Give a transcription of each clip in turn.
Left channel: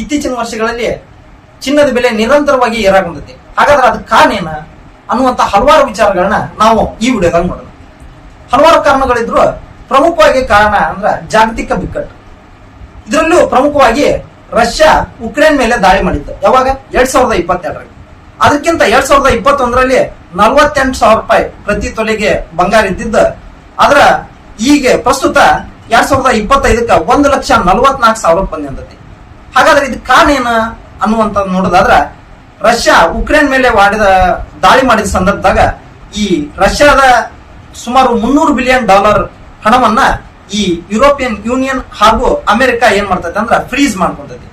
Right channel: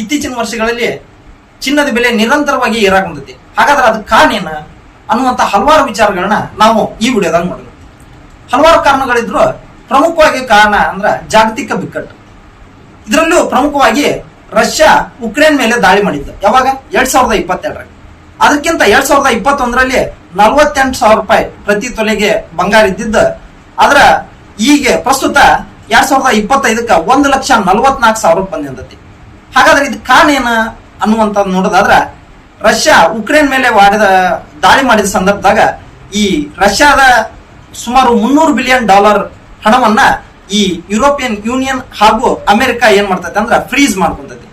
ಇತ್ತೀಚಿನ ವರ್ಷಗಳಲ್ಲಿ ಚಿನ್ನದ ಬೆಲೆ ನಿರಂತರವಾಗಿ ಏರಾಗುಂತೈತಿ. ಹಾಗಾದ್ರೆ ಅದಕ್ಕೆ ಕಾರಣ ಏನ ಅನ್ನುವಂತ ಹಲವಾರು ವಿಚಾರಗಳನ್ನ ನಾವು ಈ ವಿಡಿಯೋದಾಗ ನೋಡೋಣ. ಹಲವಾರು ಕಾರಣಗಳಿದ್ರು ಪ್ರಮುಖವಾಗಿ ಕಾರಣ ಅಂದ್ರ ಜಾಗತಿಕ ಬಿಕ್ಕಟ್ಟು. ಇದರಲ್ಲೂ ಪ್ರಮುಖವಾಗಿ ರಷ್ಯಾ ಉಕ್ರೇನ್ ಮೇಲೆ ದಾಳಿ ಮಾಡಿತ್ತು. ಯಾವಾಗ? 2022ರಲ್ಲಿ. ಅದಕ್ಕಿಂತ 2021ರಲ್ಲಿ 48,000 ರೂಪಾಯಿ ಪ್ರತಿ ತೊಲೆಗೆ ಬಂಗಾರ ಇದ್ದಿದ್ದು ಆದ್ರ ಈಗ ಪ್ರಸ್ತುತ 2025ಕ್ಕೆ 1,44,000 ಬಂದಿರ್ತೈತಿ. ಹಾಗಾದ್ರೆ ಇದಕ್ಕೆ ಕಾರಣ ಏನ ಅನ್ನುವಂಥದ್ದು ನೋಡೋದಾದ್ರ ರಷ್ಯಾ ಉಕ್ರೇನ್ ಮೇಲೆ ದಾಳಿ ಮಾಡಿದ ಸಂದರ್ಭದಾಗ ಈ ರಷ್ಯಾದ ಸುಮಾರು $300 ಬಿಲಿಯನ್ ಹಣವನ್ನ ಈ ಯುರೋಪಿಯನ್ ಯೂನಿಯನ್ ಹಾಗೂ ಅಮೆರಿಕ ಏನ್ ಮಾಡ್ತೈತೆ ಅಂದ್ರ ಫ್ರೀಸ್ ಮಾಡ್ಕೊಂತೈತಿ.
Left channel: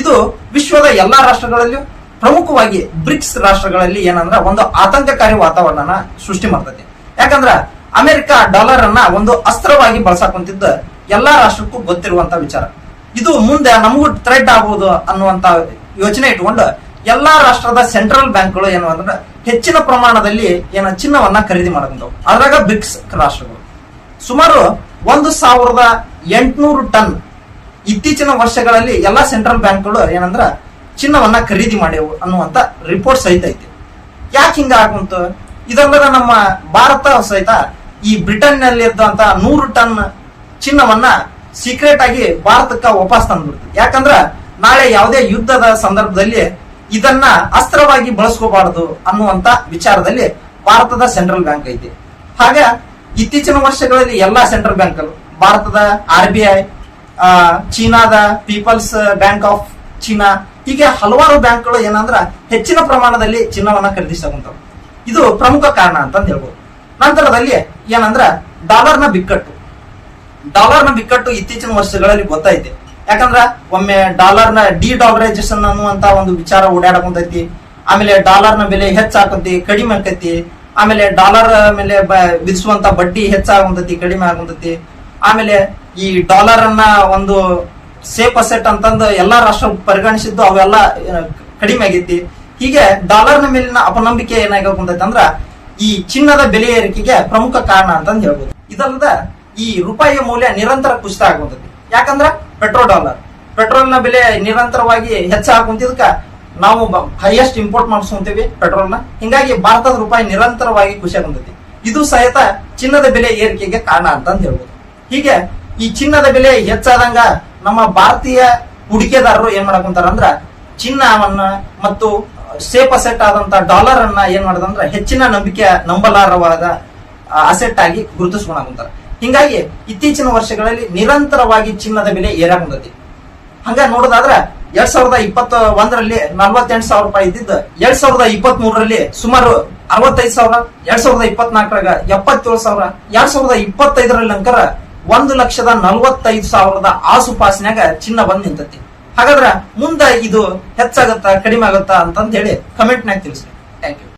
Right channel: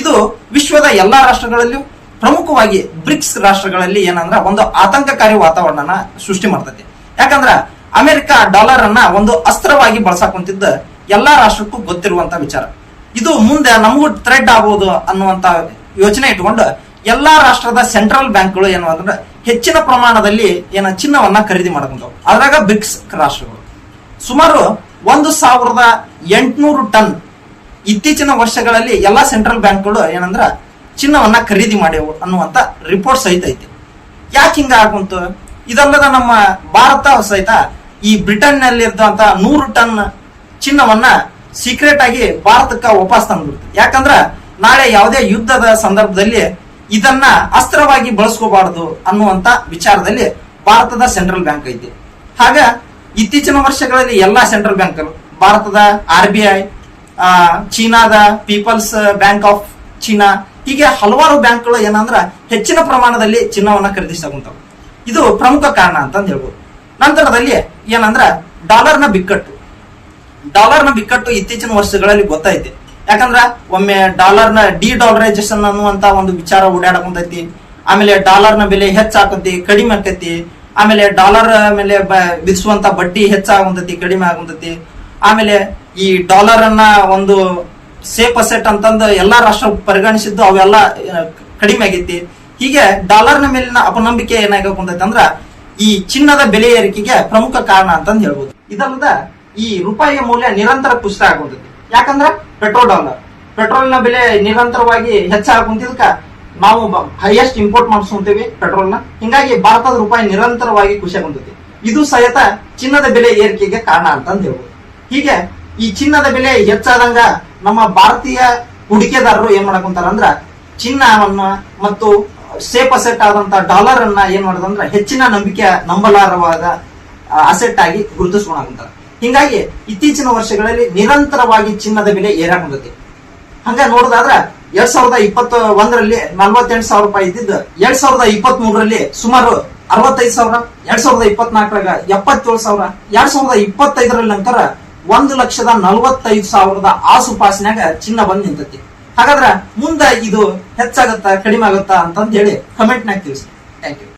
ಇದು ವಿಶ್ವದ ಎಲ್ಲಾ ರಾಷ್ಟ್ರಗಳಲ್ಲೂ ಪ್ರಮುಖವಾಗಿ ಬ್ರಿಕ್ಸ್ ರಾಷ್ಟ್ರಗಳಲ್ಲಿ ಏನಂದ್ರ ಒಂದು ಆತಂಕಕಾರಿ ವಾತಾವರಣನ ಸೃಷ್ಟಿ ಮಾಡ್ತೈತಿ. ಯಾಕಂದ್ರ ಅಮೆರಿಕ ಡಾಲರ್ ಅನ್ನ ಒಂದು ಅಸ್ತ್ರವಾಗಿ ಬಳಸಾಕೊಂತಿದ್ದ ಎಲ್ಲಾ ರಾಷ್ಟ್ರಕ್ಕೂ ಗೊತ್ತಿರುವಂತ ವಿಚಾರ. ಇದು ಮುಂದೆ ನಮಗೂ ಥ್ರೆಡ್ ಆಗಬಹುದು ಅನ್ನುವಂತ ಯೋಚನೆ ಇಟ್ಕೊಂಡು ಎಲ್ಲಾ ರಾಷ್ಟ್ರದ ಸೆಂಟ್ರಲ್ ಬ್ಯಾಂಕ್ಗಳು ಏನು ಅಂದ್ರೆ ಹೆಚ್ಚಿನ ಪ್ರಮಾಣದಲ್ಲಿ ಚಿನ್ನವನ್ನ ಖರೀದಿ ಮಾಡ್ಕೊಂಡವು. ಅದ್ರಾಗ ಬ್ರಿಕ್ಸ್ ರಾಷ್ಟ್ರಗಳು ಸುಮಾರು 1,800 ಟನ್ ಇತ್ತೀಚಿನ ವರ್ಷಗಳಲ್ಲಿ ಎಲ್ಲಾ ಸೆಂಟ್ರಲ್ ಬ್ಯಾಂಕ್ಗಳು ಏನಂದ್ರ ಚಿನ್ನವನ್ನ ಖರೀದಿ ಮಾಡ್ಯವು ಅನ್ನುವಂತ ರಿಪೋರ್ಟ್ ಸಹಿತ ಐತಿ. ಯಾಕೆ ಹಿಂಗ ಆಗುಂತು? ಇದಲ್ಲದ ನಮ್ಮ ಭಾರತ ಸಹಿತ ಈ ಬ್ರಿಟನ್ ನಲ್ಲಿ ಇರುವಂತ 100 ಟನ್ ಚಿನ್ನವನ್ನ ಸೀಕ್ರೆಟ್ ಆಗಿ ಭಾರತಕ್ಕ ವಾಪಸ್ ತಂದ್ಬಿಡ್ತದೆ. ಯಾಕಂದ್ರ ನಾಳೆ ಯಾವುದೇ ಯುದ್ಧದ ಸಂದರ್ಭದಲ್ಲಿ ಇದನ್ನ ಅಸ್ತ್ರವಾಗಿ ಬಳಸ್ಕೋಬಾರದು ಅನ್ನುವಂತ ವಿಚಾರದಲ್ಲಿ ಭಾರತದ ಸೆಂಟ್ರಲ್ ಬ್ಯಾಂಕ್ ಐತಿ. ಹಾಗ ಇತ್ತೀಚಿನ ವರ್ಷಗಳಲ್ಲಿ ಎಲ್ಲಾ ಸೆಂಟ್ರಲ್ ಬ್ಯಾಂಕ್ ಭಾರತದ RBI, ಚೀನಾದ ಪೀಪಲ್ಸ್ ಬ್ಯಾಂಕ್ ಆಫ್ ಚೀನಾ, ಹೀಗೆ ಹಲವಾರು ಬ್ಯಾಂಕ್ಗಳು ಏನಂದ್ರ ಹೆಚ್ಚಿನ ಪ್ರಮಾಣದಲ್ಲಿ ಚಿನ್ನವನ್ನ ಖರೀದಿಸಕೊಂತಾವ. ಇದು ಪ್ರಮುಖ ಕಾರಣ ಅಂತ ಹೇಳ್ಬೋದು. ನಂತರದಲ್ಲಿ ಏನಂದ್ರ ಡಾಲರ್ನ ಬಿಕ್ಕಟ್ಟು ಇತ್ತೀಚಿನ ವರ್ಷಗಳಲ್ಲಿ ಗೊತ್ತೈತಿ. ಯಾಕಂದ್ರ ಒಮ್ಮೆ ಡಾಲರ್ನ ಡಿಡಾಲರೈಸೇಷನ್ ಅನ್ನುವಂತ ಒಂದು ವಿಚಾರ ಓಡಾಡಕೊಂತೈತಿ. ಆಮೇಲೆ ಡಾಲರ್ನ ಬೆಲೆ ಹೆಚ್ಚಾಕತಿ, ಕಡಿಮೆ ಆಕತಿ. ಆಮೇಲೆ ಡಾಲರ್ ಮೇಲೆ ವಿಧಿಸುವಂತ ಬಡ್ಡಿ ಹೆಚ್ಚಾಗುಂತೈತಿ, ಕಡಿಮೆ ಆಗುಂತೈತಿ. ಆಮೇಲೆ ಈ ಡಾಲರ್ ಅನ್ನ ಒಂದು ಸೇಫ್ ಅಸೆಟ್ ಅಂತಂದು ಎಲ್ಲಾ ರಾಷ್ಟ್ರ ಪರಿಗಣಿಸಿದ್ದು ಅವೆಲ್ಲ ಕಡಿಮೆ ಆಗೈತಿ. ಹೀಗೆ ಡಾಲರ್ನ ಮೇಲಿನ ಅಪನಂಬಿಕೆ ಏನಾಗಕೊಂತೈತಿ ಅಂದ್ರ ಈ ಚಿನ್ನದ ಬೆಲೆ ಏರಿಕೆಗೆ ಪ್ರಮುಖ ಕಾರಣ ಅಂತಂದು ಹೇಳ್ಬೋದು. ಇದಲ್ಲದ ಈ ರೂಪಾಯಿಯ ಮೌಲ್ಯ ನಿರಂತರ ಕುಸಿತ ಆಗುಂತೈತಿ. ಯಾಕಂದ್ರ ಪೆಟ್ರೋಲ್ನ ಬೆಲೆ ನಿರಂತರವಾಗಿ ಹೆಚ್ಚಾಗುಂತಿದ್ಕ ನಾವು ಹೈಯೆಸ್ಟ್ ಇಂಪೋರ್ಟ್ ಮಾಡಿಸ್ಕೊಂತೀವಿ ಪೆಟ್ರೋಲ್ನ. ಹಿಂಗಾಗಿ ಭಾರತದ ರೂಪಾಯಿ ನಿರಂತರವಾಗಿ ಕುಸಿಯಾಗುಂತೈತಿ. ಇದು ಸಹಿತ ಚಿನ್ನದ ಬೆಲೆ ಏರಿಕೆಗೆ ಕಾರಣ ಅಂತಂದು ಹೇಳ್ಬೋದು. ಹೀಗೆ ಈ ಚಿನ್ನದ ಬೆಲೆ ಹೆಚ್ಚಾದಂಗ ನಮ್ಮ ಭಾರತೀಯ ಹೂಡಿಕೆದಾರರು ಏನ್ ಮಾಡಕೊಂತಾರ ಅಂದ್ರ ಚಿನ್ನವನ್ನ ಮತ್ತು ಸೇಫ್ ಅಸೆಟ್ ಆದಂತ ಡಾಲರ್ ಅನ್ನ ಏನ್ ಮಾಡದಂದ್ರ ಹೆಚ್ಚಿನ ನಂಬಲಾರವಾದ ಅಸೆಟ್ ಆಗಿ ಗುರುತಿಸ್ಕೊಂಡಾಗುಂತಾರ. ಹಿಂಗಾಗಿ ಇತ್ತೀಚಿನ ವರ್ಷಗಳಲ್ಲಿ ನಿರಂತರವಾಗಿ ಚಿನ್ನದ ಬೆಲೆ ಏರಾಕೊಂಡೈತಿ. ಹಂಗ ನೋಡೋದಾದ್ರ 2021ರಲ್ಲಿ 48,000 ರೂಪಾಯಿ ಇದ್ದಿದ್ದು 2023ರಲ್ಲಿ ಸುಮಾರು 65,000, 2024ರಾಗ 77,000, 2025ರಲ್ಲಿ ನಂತರ 1,45,000 ಆಸುಪಾಸಿನಾಗ ಚಿನ್ನ ಬಂದ್ ನಿಂತೈತಿ. ಹಾಗಾದ್ರ ಮುಂದೆ ಇದು ಹೆಚ್ಚಾಗತ್ತಾ ಕಡಿಮೆ ಆಗತ್ತಾ ಅಂತಂದ್ ಹೇಳಿ ಕಮೆಂಟ್ನಾಗ ತಿಳಿಸಿ. Thank you.